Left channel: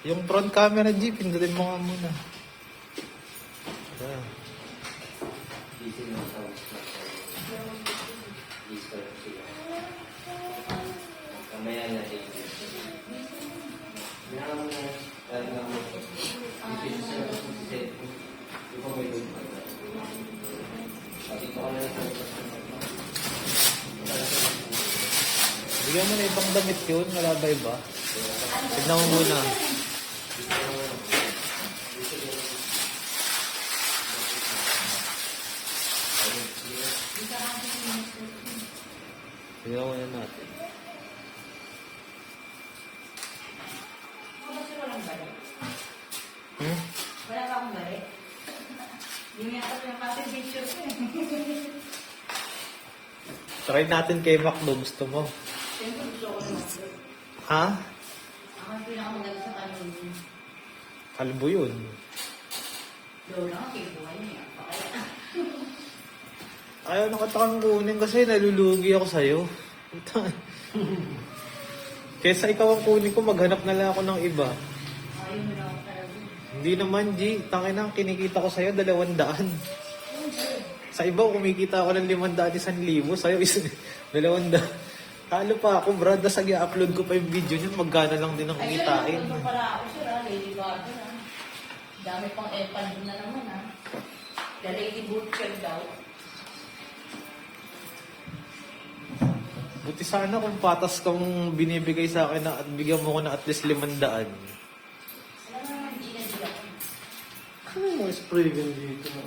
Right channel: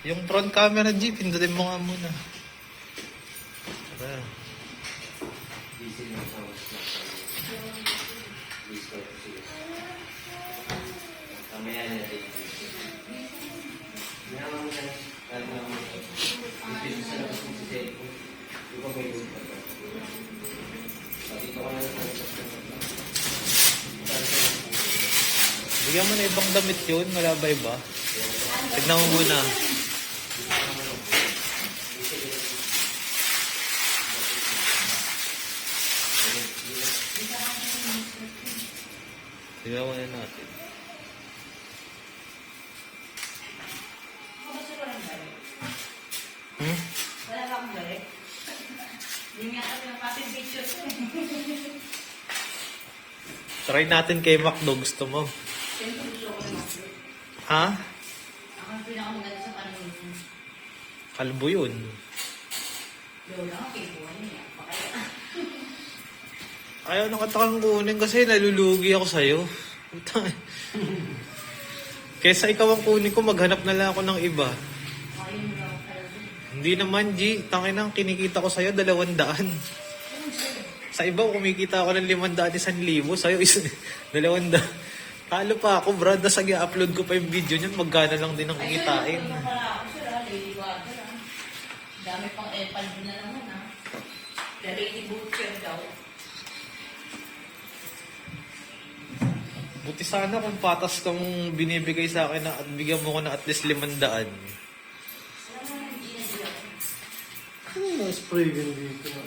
Yung front camera, G, pindutin mo nga muna. Tara. Busy na sa mamaya natin. Bigyan mo na ibang damit yun, wala ba iba? Tignan mo muna. Tignan mo na natin. Wala ba akong balik? Hindi niya ako yung pati picture ko eh. Try natin kay Macdo, gusto mo? Siyempre gusto ko ng makbalik. Ha? Ako ang pinakamaganda sa panahon ko. Kalbo yun. Lola nga, kibuhay niya. Pakaya. Ayaw na katakang kunin kasi nalulugi ako sa'yo. Kesa ikaw ang kunin ko, maghanap na lang ako ng iba. Ayun na ako kayo. Hindi naman, G. Tangin na, kinikita ko sa'yo 200. Sa iba, kumikita ako ng 500, 1,000. Sa'yo is 200. Talo pa ako, brad. Nasa i-upload ko pa yung video niyan. Magkano lang din ang kikitain. Ay, pala ako sir, Lady Gaga lang. Dami pang epan din na naman ha. The Lady Butcher daw. Buti sana kung patas kang binibigay sa akin na at bigyan mo ko na at least 500. Alam mo naman, Gina Gila. Ano yung spray gun dito na?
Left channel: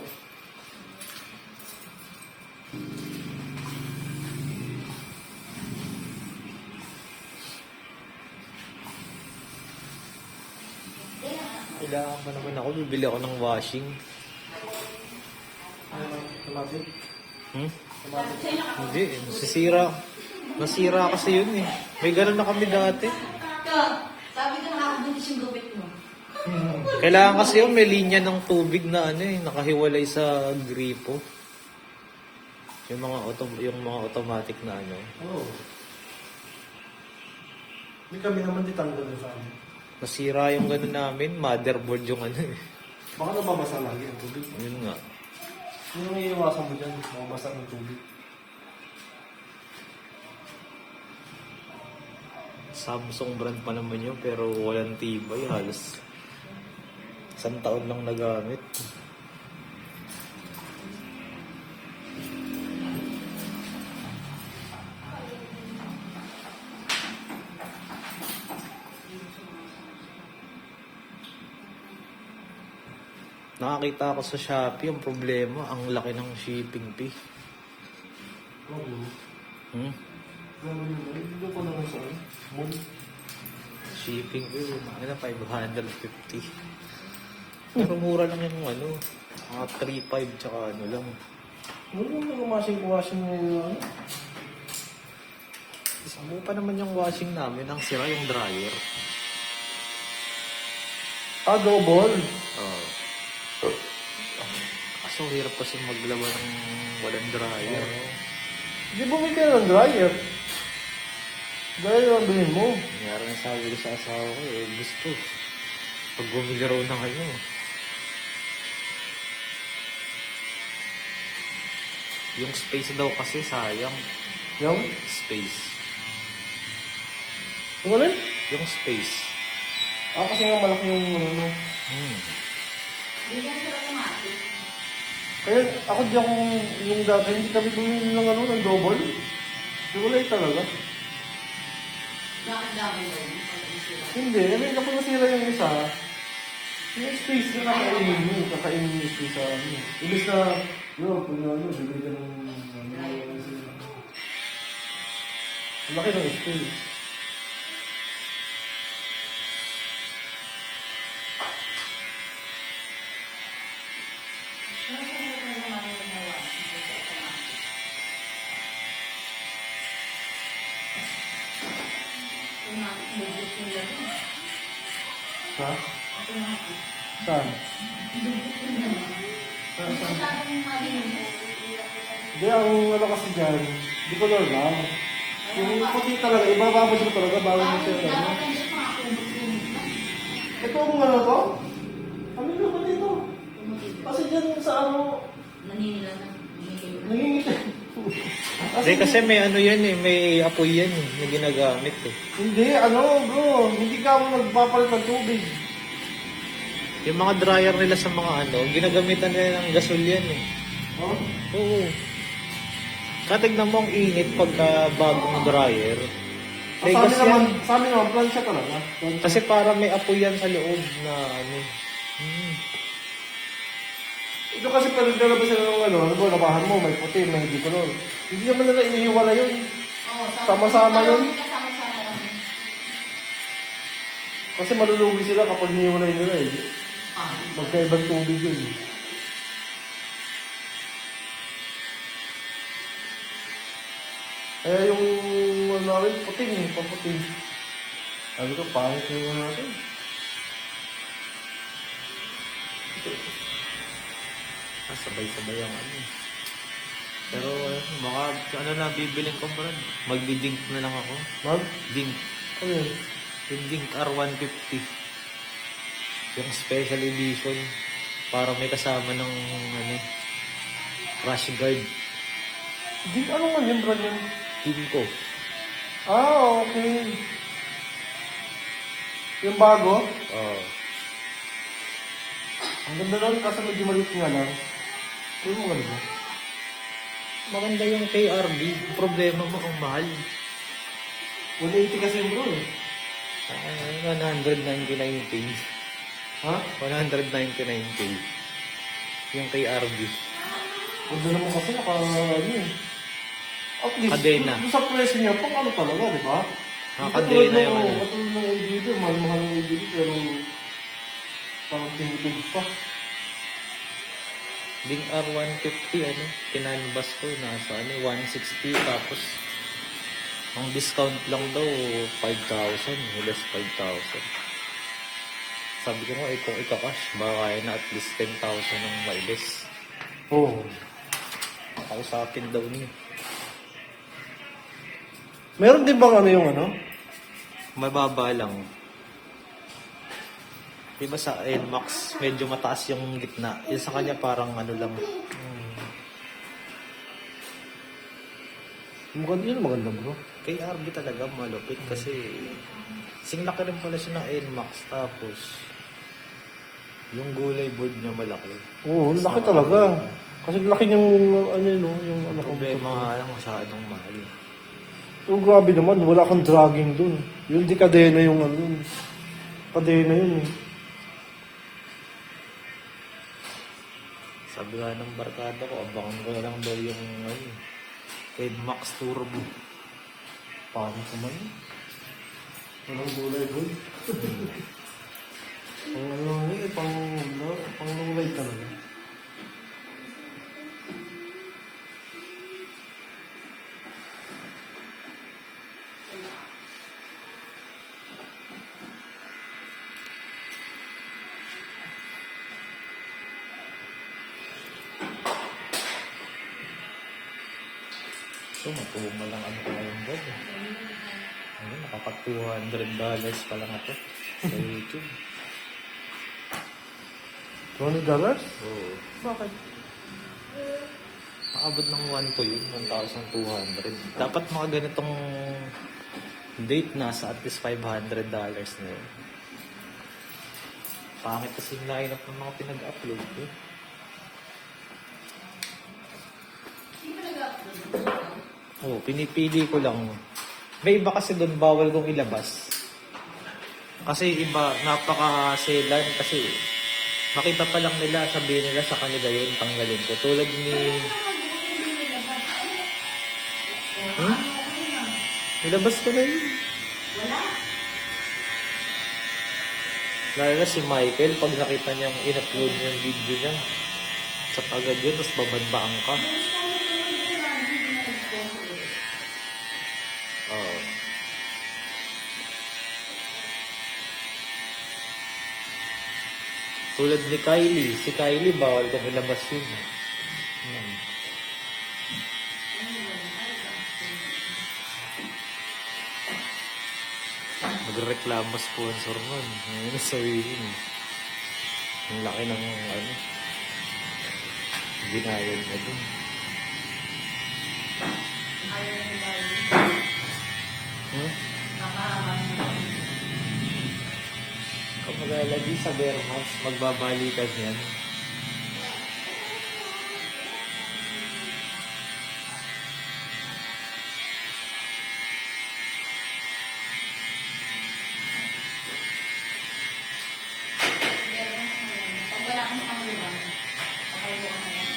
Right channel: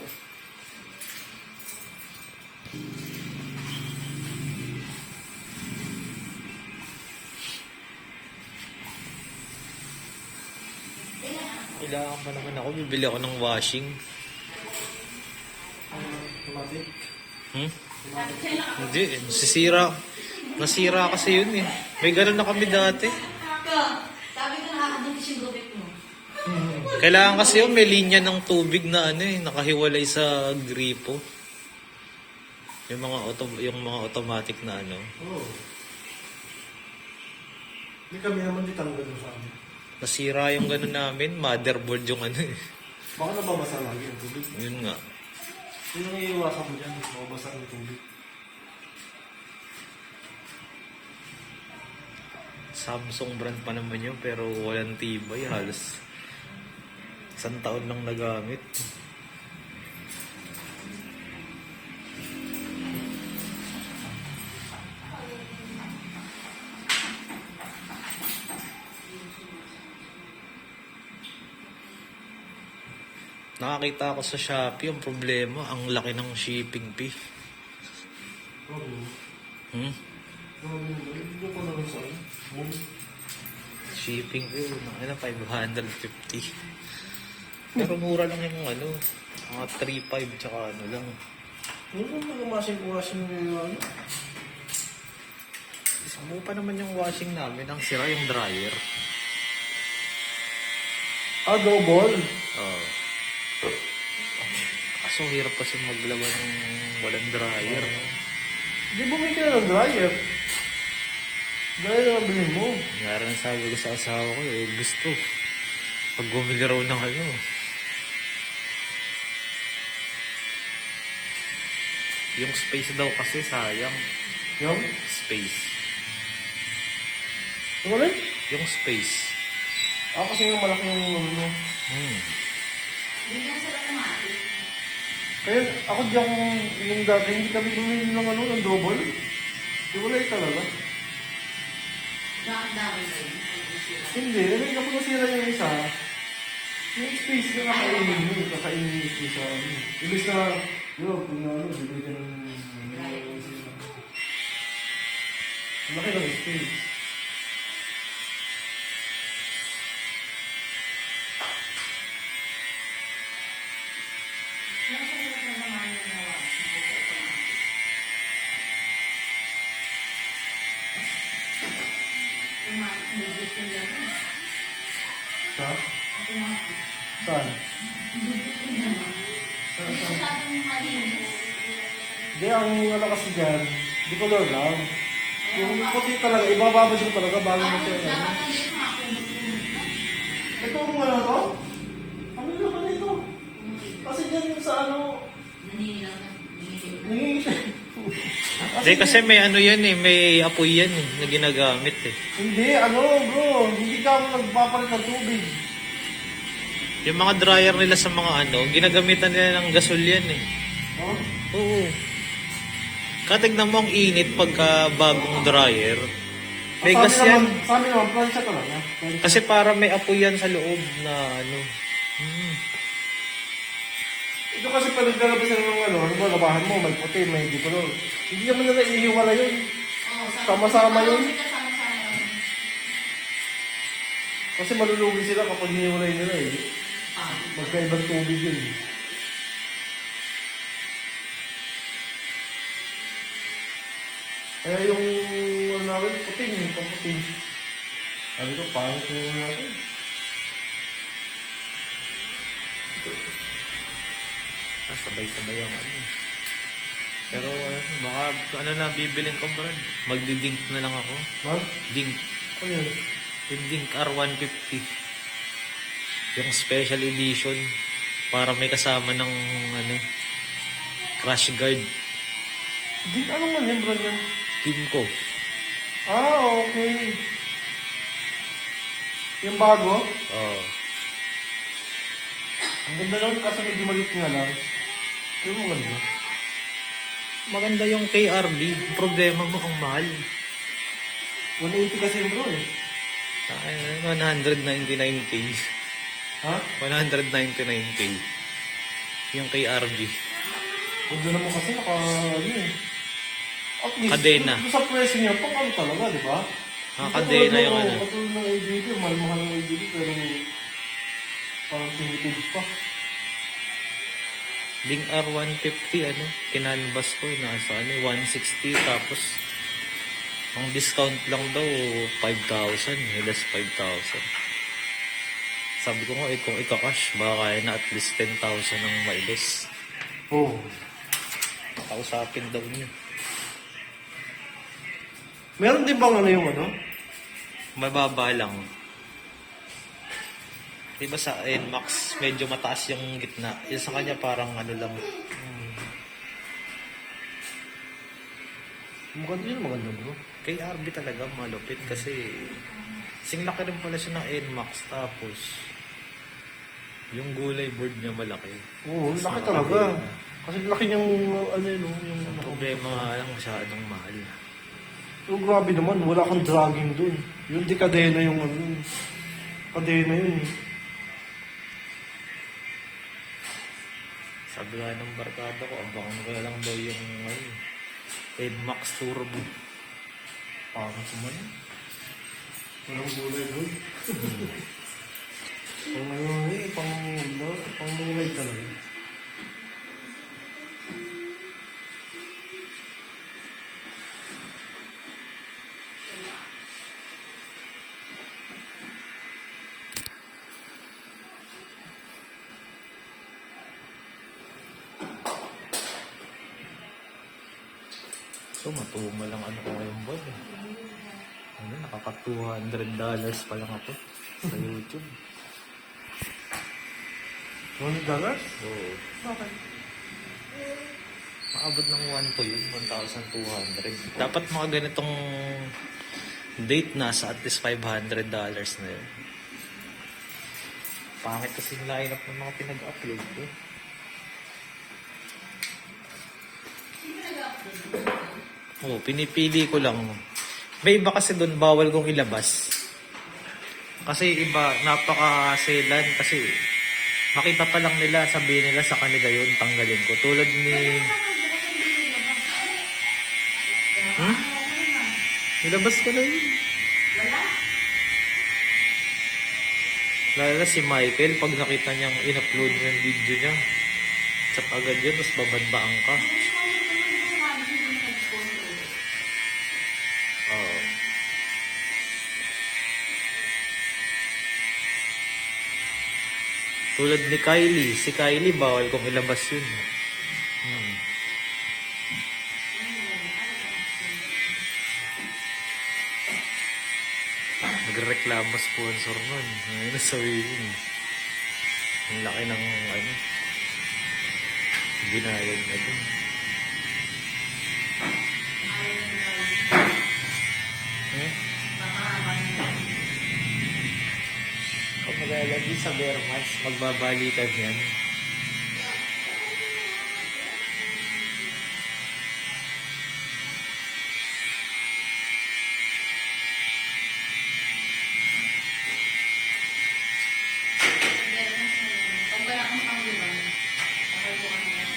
Kailangan pa naman ako. Bibili ako ng washing. Automatic? Hindi, nasisira. Nasira kasi yun eh. May ganun na kami dati. Sabi ko nakakabuntis yung gupit mo. Kailangan kasi yun, may linya ng tubig na ano eh, nakahiwalay sa gripo. Yung mga automatic na ano. Oo. Hindi kami naman di tanggal sa amin. Nasira yung ganun namin, motherboard yung ano eh. Baka nababasa lagi ang tubig. Yun nga. Yun ang iiwasan mo dyan, mababasa ang tubig. Samsung brand pa naman yun, pero walang tibay. Halos 1 taon lang nagamit. Nakakita ako sa Shopee, ang problema, ang laki ng shipping fee. Oo. Hmm? Grabe naman. Dito ko naman sa ano? Mall. Shipping fee, ano, 550. Pero mura lang yung ano, mga 3.5 tsaka ano lang. Ano yung washing mo yung ano? Isang pa naman yung washing namin, ang sira yung dryer. Ah, double. Oo. Kaso hirap kasi maglaban ng walang dryer. Di bumili ka ng dryer. Dryer ang bilhin mo. Nangyari na sabi ko sa asawa ko, eh, gusto. Pag bumili raw ng ano. Yung space daw kasi sayang. Yung? Space. Yung alin? Yung space. Ah, kasi nga malaki yung ano. Hindi ka sila automatic. Kaya ako di ako yung dati, hindi kami bumili ng ano, ng double. Di wala talaga. Dapat yun. Hindi, namin kapag nasira yung isa, yung space na kakainin mo, kakainin yung space sa ano. Ilis na, yun, kung ano, bibili ka ng ano, ang laki ng space. Ha? Saan? Hindi, ang ano kasi dyan, di color lang. Yung puti talaga, ibababad mo talaga bago mo siya ano. Ito kung ano to? Ano naman ito? Kasi dyan sa ano, Naninilang. nangingiti. Hindi kasi may ano yan eh, may apoy yan eh, na ginagamit eh. Hindi, ano bro, hindi ka mo nagpapalit ng tubig. Yung mga dryer nila sa mga ano, ginagamitan nila ng gasol yan eh. Oh? Oo. Katignan mo ang init pagka bagong dryer. May gas yan. Sa amin naman, plancha talaga. Kasi para may apoy yan sa loob na ano. Ito kasi pag naglalabas sila ng ano ba, labahan mo, may puti, may hindi color. Hindi naman nila inihiwala yun. Oo, Sama-sama yun. Sama-sama lang. Kasi malulugi sila kapag hiniwalay nila eh. Ah. Magkaibang tubig yun. Eh yung ano namin, puting eh, paputing. Sabi ko, pangit yung ano natin. Sabay-sabay ang ano. Pero baka ano na bibilin ko, Brad. Magdi-dink na lang ako. Ma'am? Dink. Ano yun? Yung Dink R150. Yung special edition. Para may kasama ng ano, crash guard. Di, ano nga yun, brand yan? Team ko. Ah, okay. Yung bago? Oo. Ang ganda lang, kasi medyo maliit nga lang. Yung mga ganda. Maganda yung KRB. Problema mo ang mahal. 180 kasi yung bro eh. 199K. Ha? 199K. Yung KRB. Ganda naman kasi ano eh. At least, Kadena. Sa presyo niya, pang ano talaga, di ba? Kadena yung ano. Katulad ng LGD, mahal-mahal ng LGD, pero parang tinitid pa. Ding R150, ano, kinanbas ko, nasa ano, 160, tapos, ang discount lang daw, 5,000, less 5,000. Sabi ko nga, kung ika-cash, baka kaya na at least 10,000 ang mailis. Oo. Nakausapin daw niya. Meron din bang ano yung ano? Mababa lang. Diba sa NMAX, medyo mataas yung gitna. Yung sa kanya parang ano lang. Maganda bro. Kay RB talaga malupit kasi singlaki rin pala siya ng NMAX tapos yung gulay board niya malaki. Oo, Mas laki malaki talaga. din. Kasi laki yung ano yun, yung Ang ano. problema nga lang masyadong mahal. Oh, grabe naman, wala kang dragging dun. Yung di kadena yung ano yun. Kadena yun eh. Sabi nga ng barkada ko, abangan ko na lang daw yung ano, NMAX Turbo. Parang suman. Walang gulay doon. Pang ano eh, pang gulay talaga. Ito, matuma lang ano kaya yung bag. Ano, nakaka $200 pa lang ito sa YouTube. $20? Oo. Bakit? Maabot ng 1 to yun, 1,200. Dapat mga ganitong date nasa at least $500 na yun. Pangit kasi yung lineup ng mga pinag-upload ko. Oo, pinipili ko lang. May iba kasi doon bawal kong ilabas. Kasi iba, napaka-selan kasi makita pa lang nila, sabihin nila sa kanila yun, tanggalin ko. Tulad ni... Nilabas ko na yun. Lalo na si Michael, pag nakita niyang in-upload niya yung video niya, chat agad yun, tapos babadbaan ka. Oo. Tulad ni Kylie. Si Kylie, bawal kong ilabas yun. nagreklamo sponsor nun. Ayun, sa Win. Ang laki ng ano. Binayad na dun. Hmm? Kung maglalagi sa Bermas, magbabalikan yan. Pag wala kang pangulan, pakalbukan na lang.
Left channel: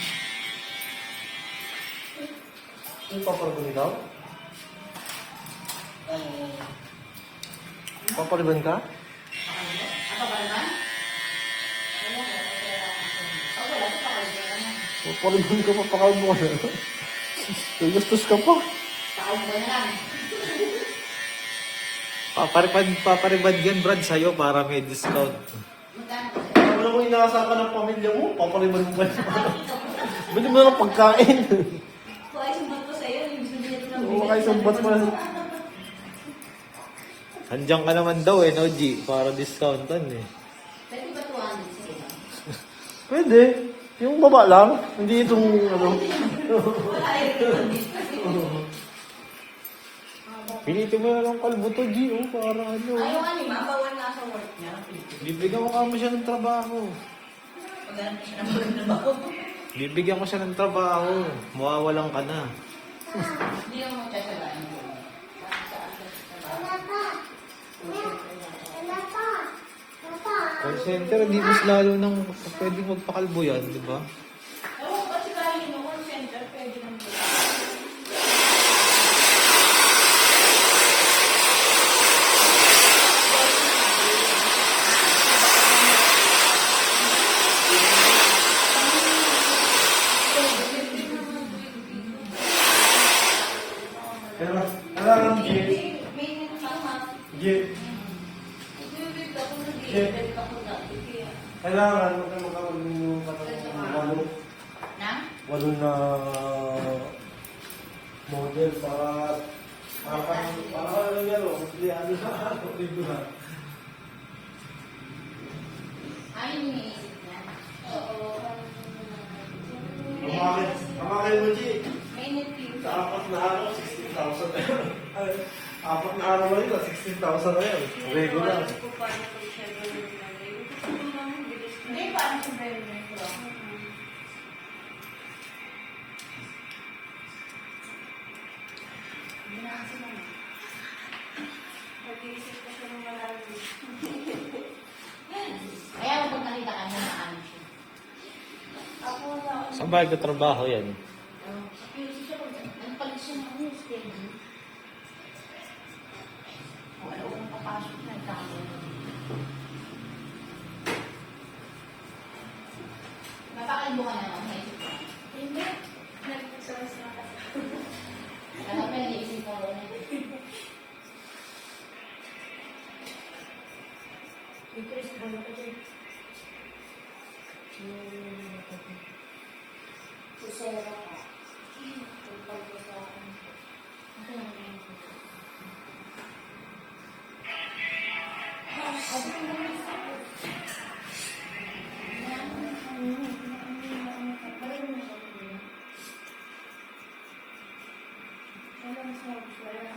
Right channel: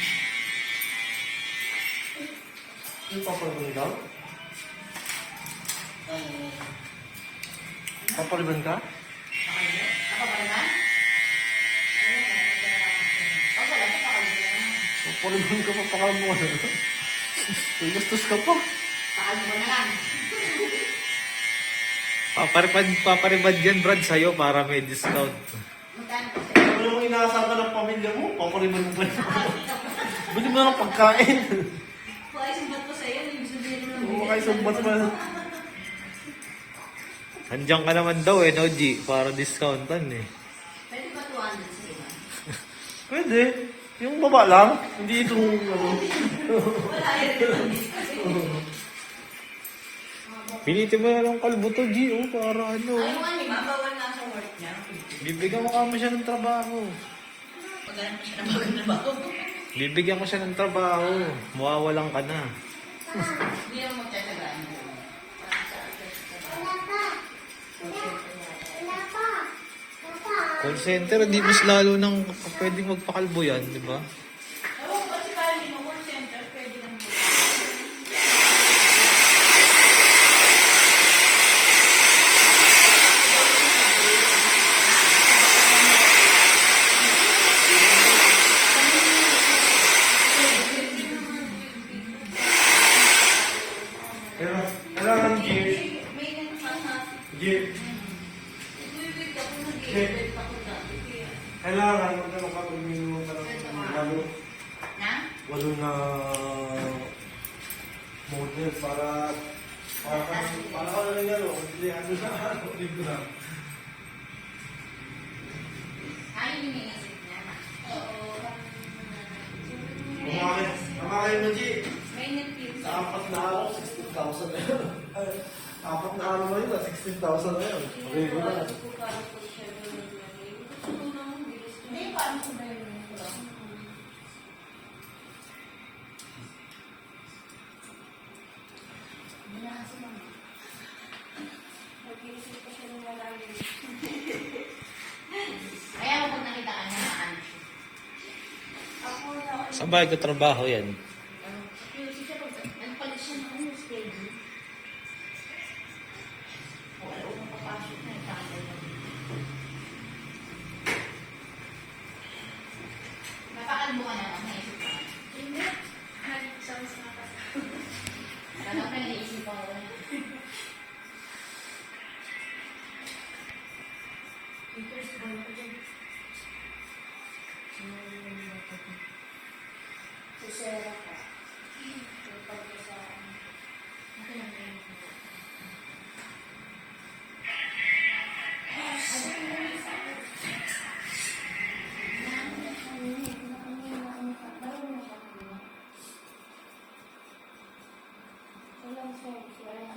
Yung papalagan daw? Papalagan ka? Ako ba naman? Pag wala ka pakalbukan na. Papalagan ka, papakal mo. Kaya gastos ka pa. Pakalbukan na lang. Paparibad yan, Brad, sa'yo para may discount. Magkano kasi? Ano yung inaasahan ka ng pamilya mo? Papaliman mo ba? Bili mo ng pagkain. Kung ay sumbat ko sa'yo, yung sabihin ko lang. Oo, kayo sumbat pa. Andiyan ka naman daw eh, no, G? Para discountan eh. Pwede ba 200 sa'yo? Pwede. Yung baba lang. Hindi itong ano. Wala yun. Pilitin mo na lang kalbo to, G, oh, para ano. Ayaw nga niya, bawal nga sa work niya. Bibigyan mo kamo siya ng trabaho. Pagano siya ng magandang. Bibigyan ko siya ng trabaho. Mawawalan ka na. Hindi naman magtatagaan mo. Para sa akin sa trabaho. Call center, di mas lalo nang pwedeng magpakalbo yan, di ba? Oo, kasi kaya yung call center, pwede lang po. Kailangan G. May nakakasap. G. Ibibig ako ng gilid ako dati. Kaya, Kailangan magkano ka pag-minum walo. na? Walo na model para ano yan o. Hindi ano na. Libo na. Ano yung iniisip niya? Oo. Kamakay mo G. May nag-tip. Sa apat na araw, 16,000 na yun. Ay, apat na araw na yun, 16,000 na yun. Regular. Hindi, parang sa Berlin ko. Hindi na kasi lang. Nag-iisip ko siya ng malalim. Kaya kapag nakita ka niya na ano siya. Ako wala. Saan ba trabaho yan? Nagpalit siya ng ano, schedule. O, alam mo, papasok na yung tamo. Napakalbo ka na, naisip ka. Hindi. Nag-sauce na kasi. Alam mo, naisip ka ko. First of all, susera ka. Tupag ka sa akin.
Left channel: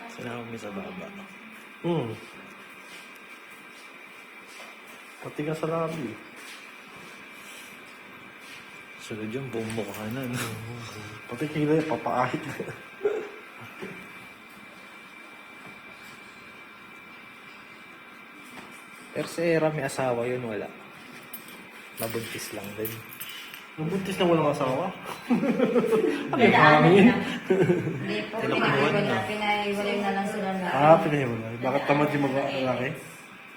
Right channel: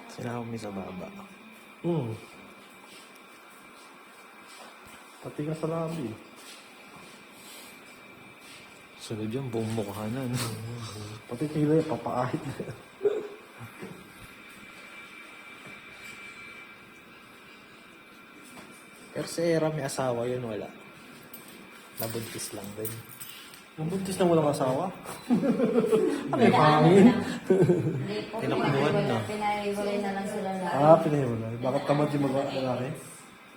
Sinama mo sa baba. Pati ka sa labi. Sunod yung buong mukha na, no? Pati kilay, papaahit. Pero si Era may asawa yun, wala. Nabuntis lang din. Mabuntis na walang asawa. Ay, hangin. Tinakbuhan na. Pinaiwalay na lang sila na. Pinahiwalay. Bakit tamad yung lalaki?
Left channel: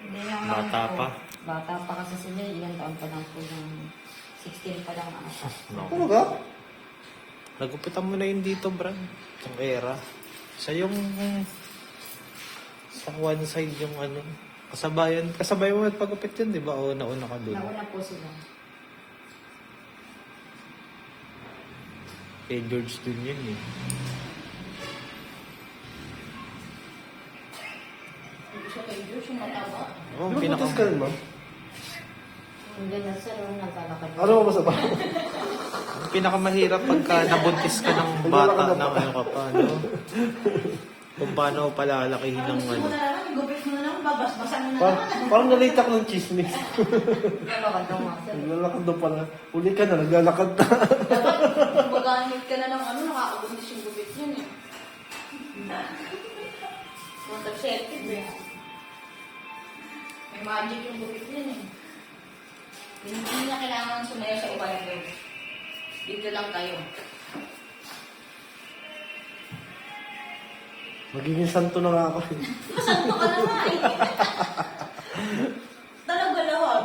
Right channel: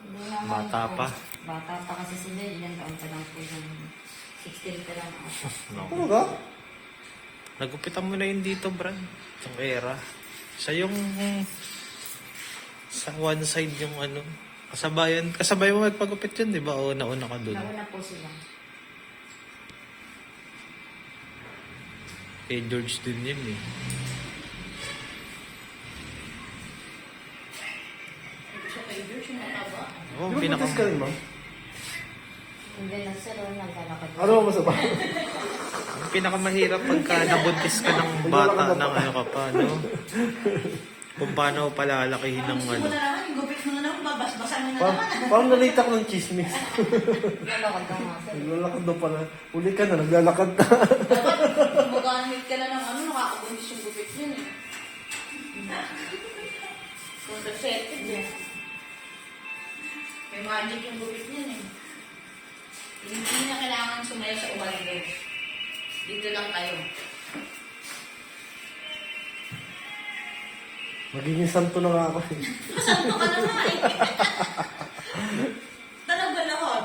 Hindi naman Bata po. pa. Bata pa kasi sila. Ilang taon pa lang po yung 16 pa lang ako. No. Ano ka? Nagupitan mo na yun dito, Brad. Yung Era. Siya yung sa one side yung ano. Kasabayan mo magpagupit yun, di ba? O nauna ka doon. Nauna po sila. Kay George din yun eh. Siya kay George, Oo, Di ba pinaka... buntis ka rin, ma'am? Hindi lang sir, naglalakad. Ano ba sa ba? Ang pinakamahirap pagka nabuntis ka ng bata ng ano ka pa, no? Kung paano palalakihin ng Gusto ano. mo na naman, gupit mo na naman, babasbasan mo na Parang, naman. parang nalate ako ng chismis. Naglalakad daw nga sir. Naglalakad daw pala. Uli ka na, naglalakad na. Dapat, magamit ka na ng ano, nakakabuntis yung gupit yun eh. Kung nag-setted eh. May magic yung gupit yun eh. Hindi na kailangan sumaya sa ibang mo. Dito lang tayo. Magiging santo na nga ako. Santo ka naman eh. Talaga lahat.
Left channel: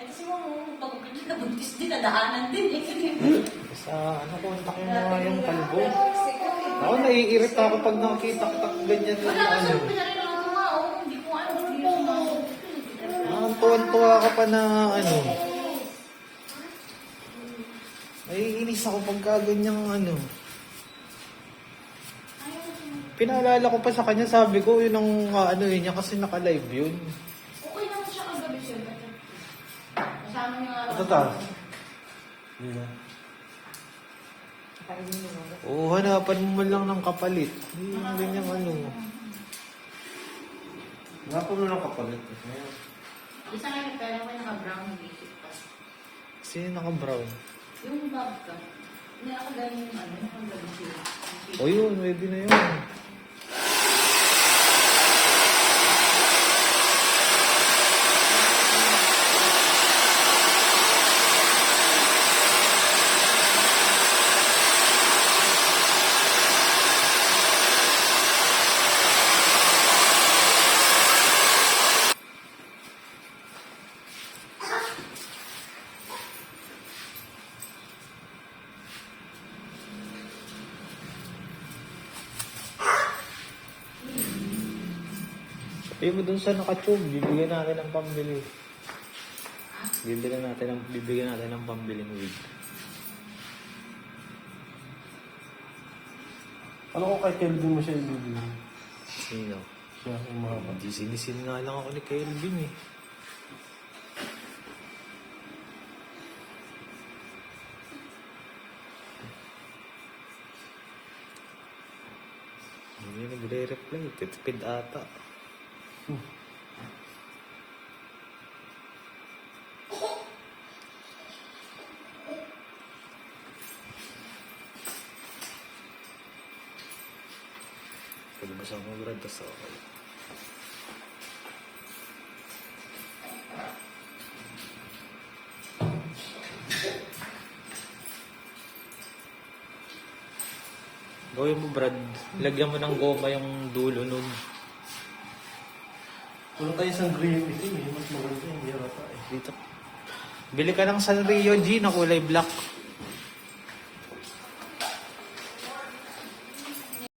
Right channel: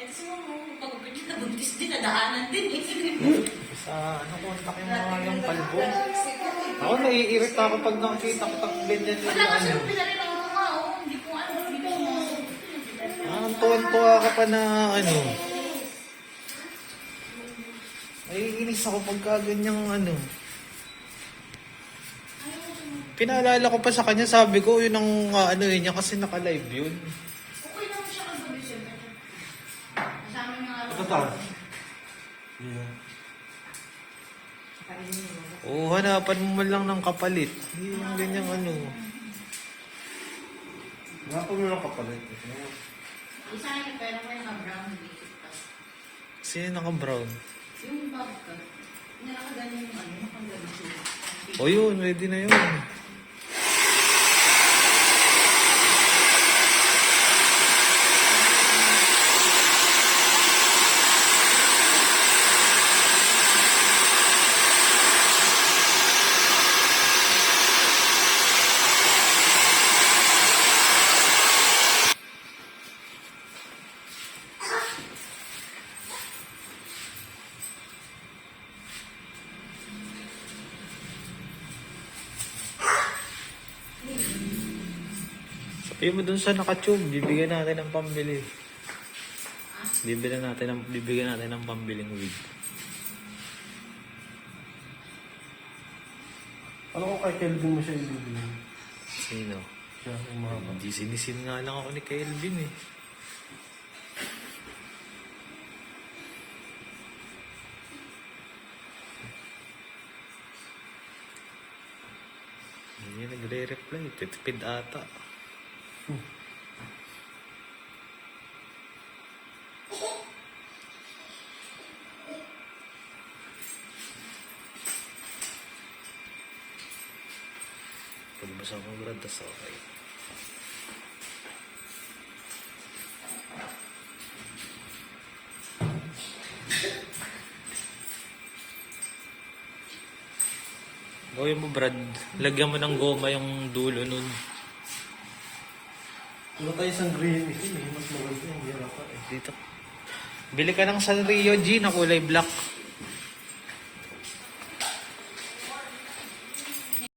Eh, kasi mo, pag-gupit yun, nabuntis din, nadaanan din eh. Sa ano ko, ang laki na yung kalbo. Ako, naiirita ako pag nakikita ko ganyan yung Wala kasi ano. yung pinalala ko nga, oh. Hindi ko ano, hindi ko sumasagot. Ang tuwan-tuwa ka pa na ano. Naiinis ako pagka ganyang ano. Pinaalala ko pa sa kanya, sabi ko, yun ang ano niya kasi naka-live yun. Okay naman siya kagabi siya. Kasama niya nga. Ito ta. Kainin mo muna. Oo, hanapan mo man lang ng kapalit. Hindi yung ganyang ano. Nga po nung kapalit. Isa nga yung pera mo yung brown basic pa. Kasi naka-brown. Yung bag ka, nakagaling yung ano, nakagaling siya. O yun, ready na yun. Sabihin mo dun sa nakatube, bibigyan natin ng pambili. Bibigyan natin ng pambili ng wig. Ano ko kay Kelvin mo siya ibibigay? Sino? Siya, yung mahaba. Hindi sinisin nga lang ako ni Kelvin eh. Hindi nagre-reply. Titipid ata. Pagbasa mo Brad, tas okay. Gawin mo Brad, lagyan mo ng goma yung dulo nun. Wala tayo isang green ito eh. Mas maganda yung hirap pa eh. Dito. Bili ka ng Sanrio G na kulay black.